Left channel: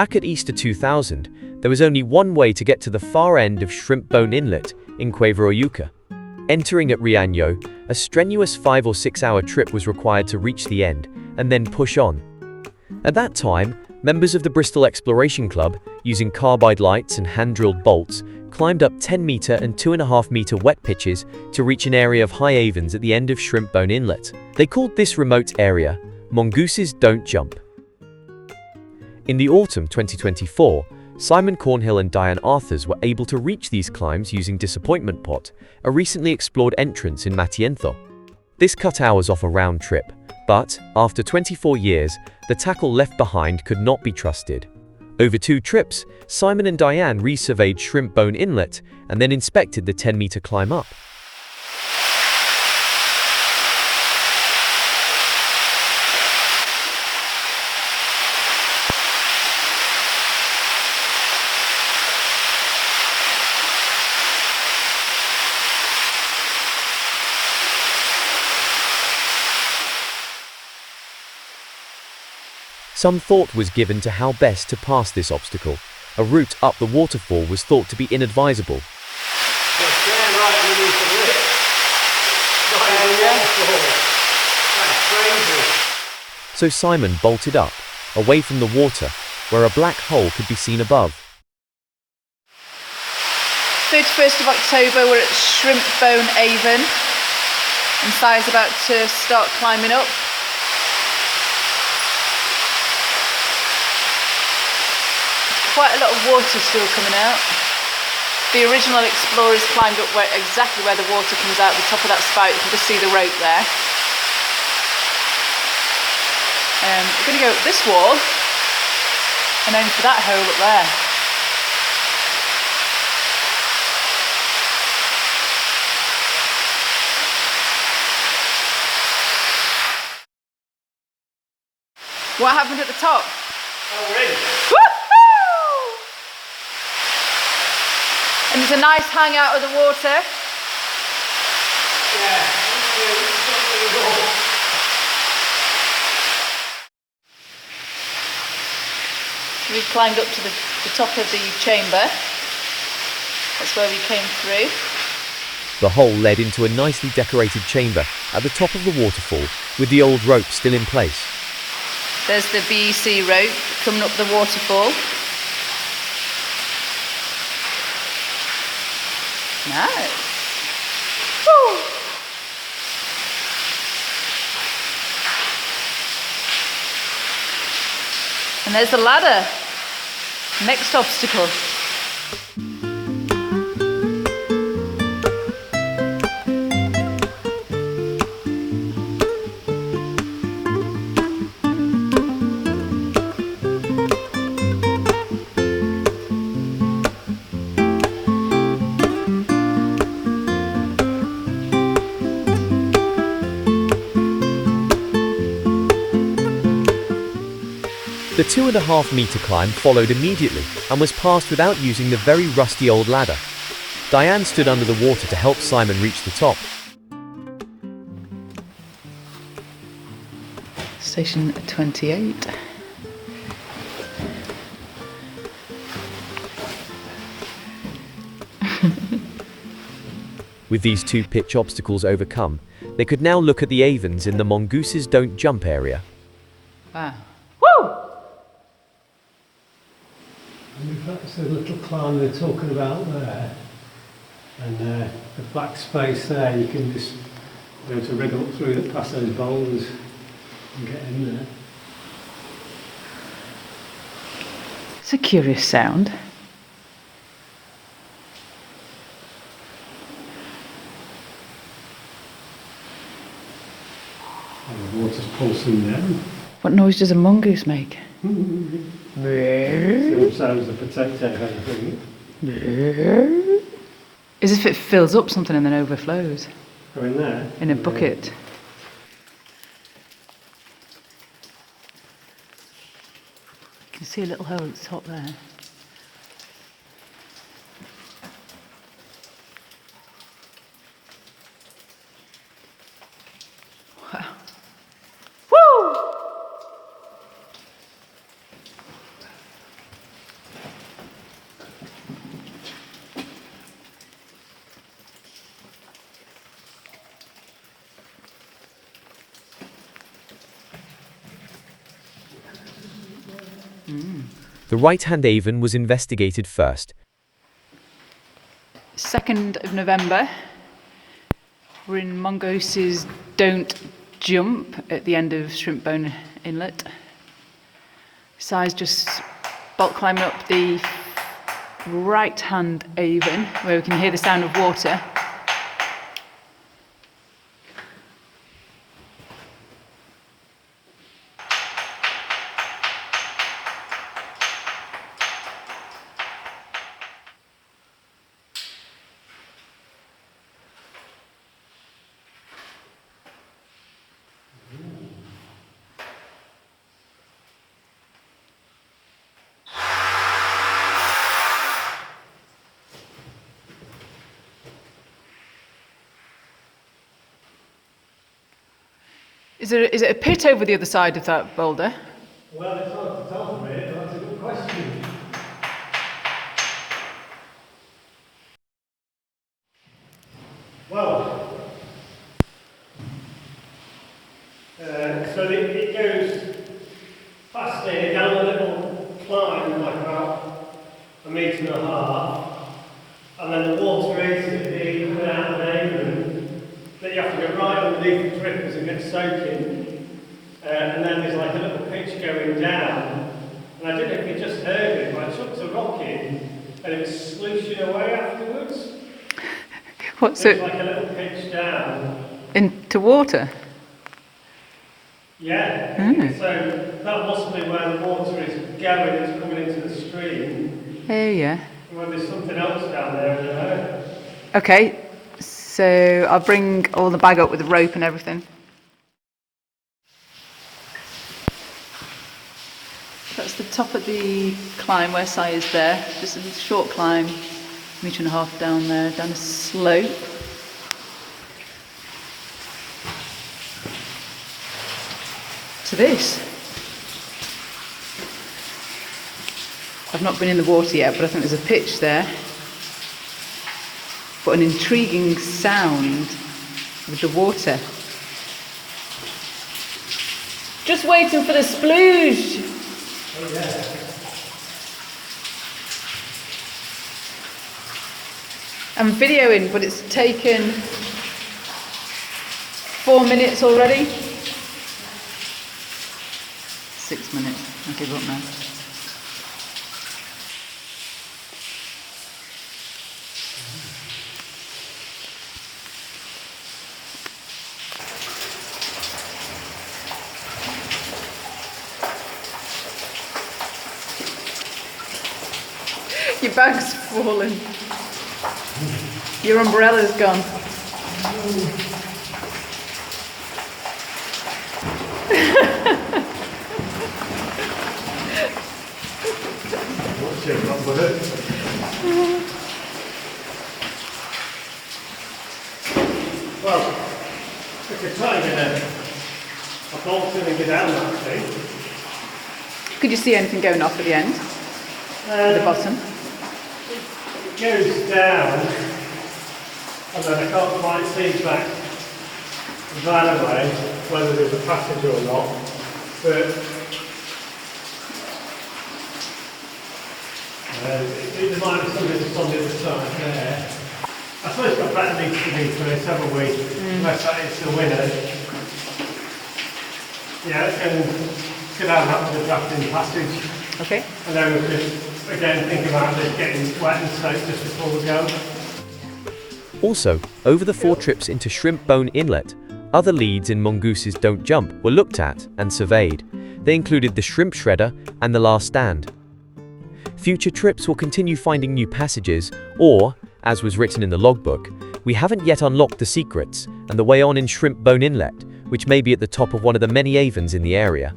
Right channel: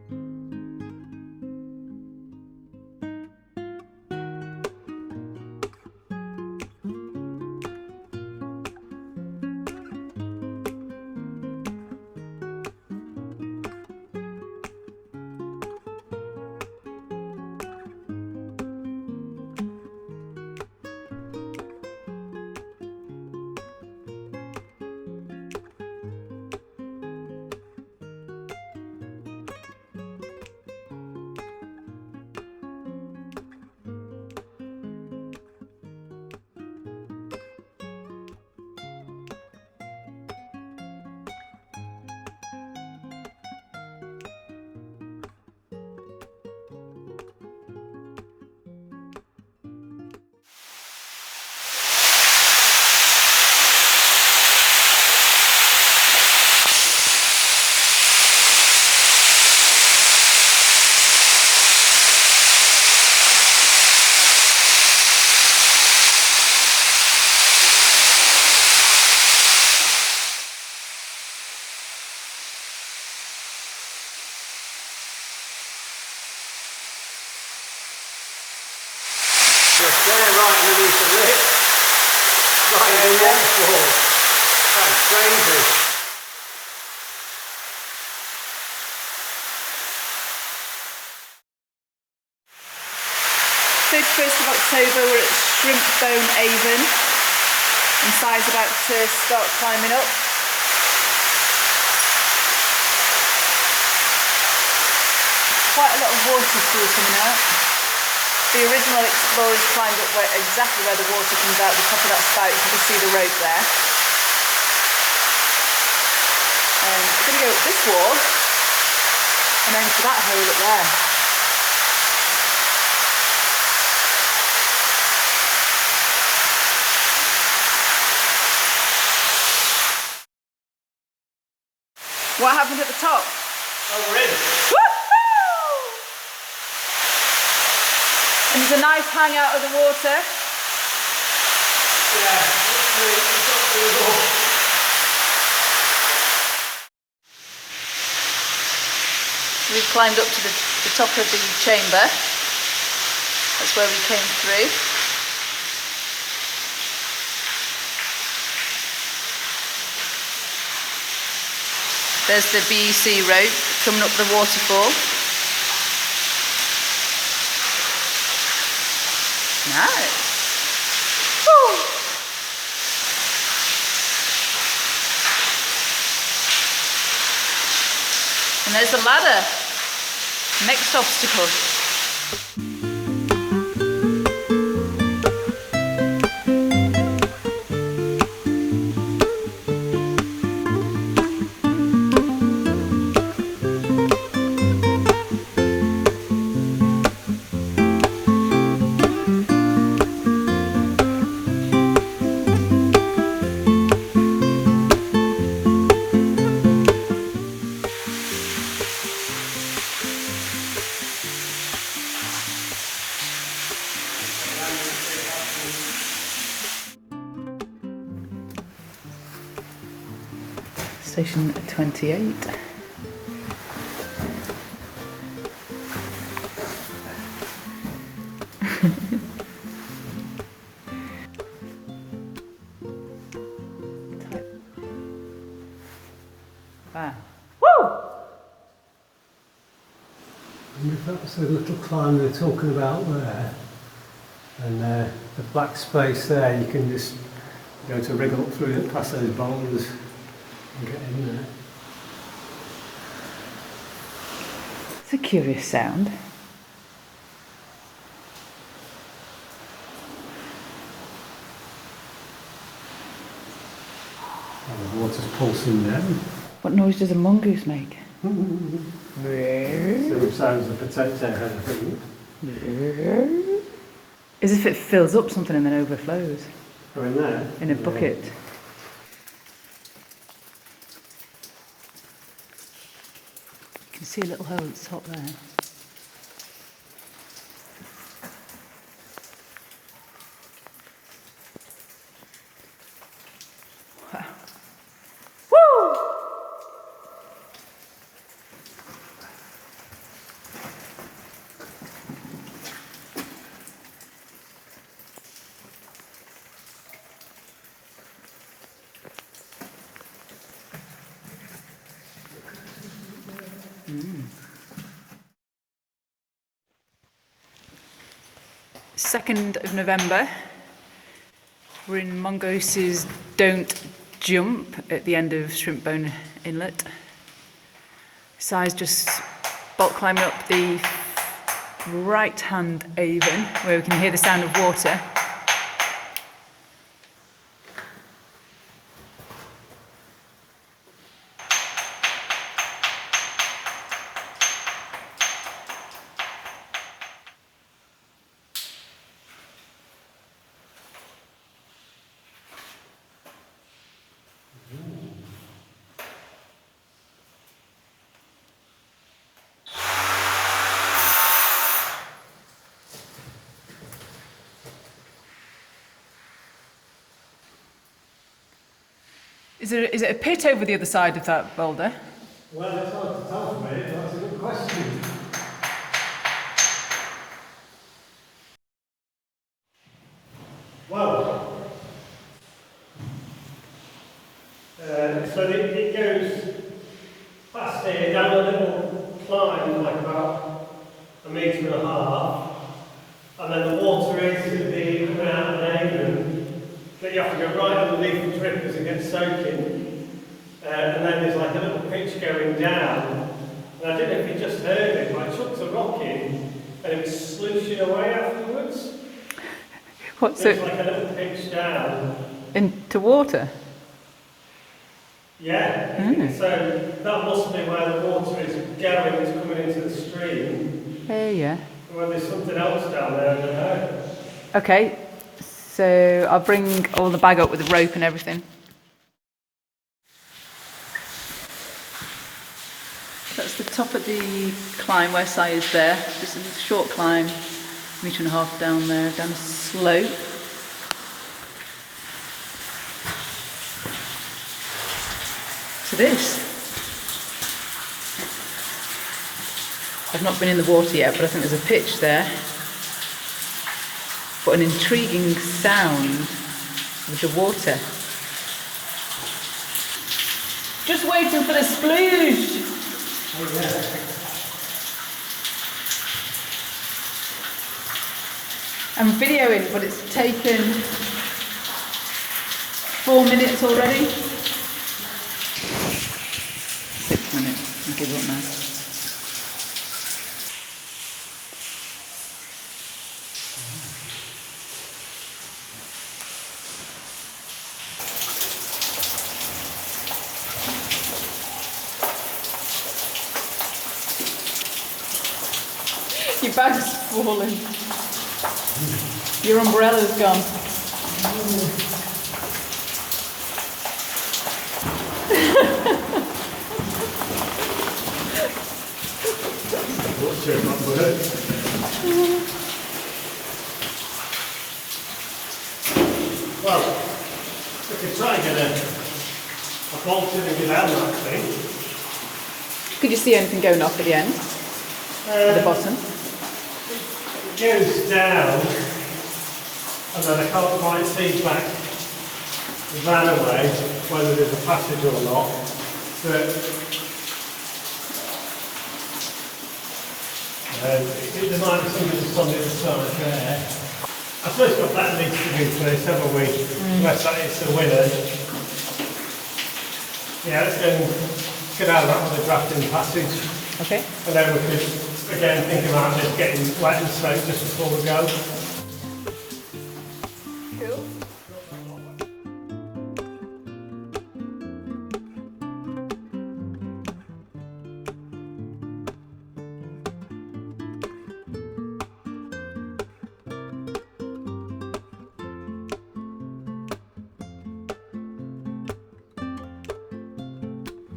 Back at Easter 2000, there was only one way to get to the far end of Shrimp Bone Inlet in Cueva, Hoyuca. Entering at Riaño, a strenuous 5 or 6 hour trip was required to reach the end and then push on. At that time, members of the Bristol Exploration Club, using carbide lights and hand-drilled bolts, climbed up 10-meter and 2.5-meter wet pitches to reach an area of high avens at the end of Shrimp Bone Inlet. They called this remote area Mongooses Don't Jump. In the autumn 2024, Simon Cornhill and Diane Arthurs were able to reach these climbs using Disappointment Pot, a recently explored entrance in Matienzo. This cut hours off a round trip, but, after 24 years, the tackle left behind could not be trusted. Over 2 trips, Simon and Diane resurveyed Shrimp Bone Inlet and then inspected the 10-meter climb up. Some thought was given to how best to pass this obstacle. A route up the waterfall was thought to be inadvisable. So Simon bolted up, away from the water, where a black hole could be seen above. 31st of October, we're at Shrimp Bone Avon, and Si's about to start climbing up. Quite a lot of water still coming out. The original explorers climbed up exactly where the water comes out, the top of that spout. You can just see the rope there. We're going to go up this wall and aim for that hole up there. What happened at the top? Oh, we're in. And there's a nice hangout of the water. Yeah, We've climbed up to the top of the chamber. That's where we came through. The hole led into a nicely decorated chamber at the top of the waterfall with the old rope still in place. There's the BEC rope coming up the waterfall. Nice. Woo. And there's the ladder. Next obstacle. The 2.5-meter climb followed immediately and was passed without using the very rusty old ladder. Diane stood under the water to help Simon reach the top. Station 28. With these 2 pitch obstacles overcome, they could now look at the avens in the Mongooses Don't Jump area. Ah. Woo! And that's the little climb they're talking about there. And the black space there, you can just go to wriggle up through it past those boulders and get in there. It's a curious sound. And the water's pulsing down. What noise does a mongoose make? It sounds a potato head thing. As if it fills up something and then overflows. Go in there. In a bucket. You can see a little hole at the top there. Wow. Woo! The right-hand Avon was investigated first. 2nd of November. We're in Mongo's Don't Jump at the end of Shrimp Bone Inlet. Si's just bulk climbing up the right-hand Avon where we can hear the sound of water. Is it a pit over the other side of that boulder? Well, it's hard to tell from here, but that's a good question. Well, so it goes past here, down a little climb, like about 1.5 meters, and then the water is the coming out of the Avon, that you have to go right underneath the drippers and get soaking, and then there's like a little pitch going down, and I don't know if you just heard it, but I chucked a rock in, and it was slushing away afterwards. What's It's it? like a little pitch down. Into water? Yeah, so that must be where the water is going, it's coming into the stream. Yeah. Well, there's something else down there, I don't know. Okay, so I'll bring all the bag up with the rope and everything. That's the top of the climb where Si is there. Just a short climb, 1.5 meters down there, down a slope. To this. I've not been in the water yet, but I think there's a pitch there. But an intriguing sound with the water. Just waiting for the sploosh. Oh, yeah. I'm videoing, but it's taken 4 minutes already. 6 minutes. I'll give up now. Your bag's fallen. Your umbrella's gone. Well, if you're trying a bolt in and get down that thing. Could you see anything going off at the end? At the bottom? It goes down, and then I can't quite see back that way, whether there's a passage or not, but there might be something that's on the other side there. I suppose what that needs to do for this, haven't we? Unless that is the winner. Yeah, let's go down that with the drafting passage. Okay. And then we could, again, think about this getting wet and soaked just before we go. Also, over the 4 trips into Shrimp Bone Inlet, other leads in Mongo's Don't Jump were looked at and surveyed. They included the Shrimp Shredder and the Last Stand. Future trips will continue finding new passages, or, as was written in the logbook, we haven't yet unlocked the secrets and the way on in Shrimp Bone Inlet, which may be at the top of one of the many avens in the area.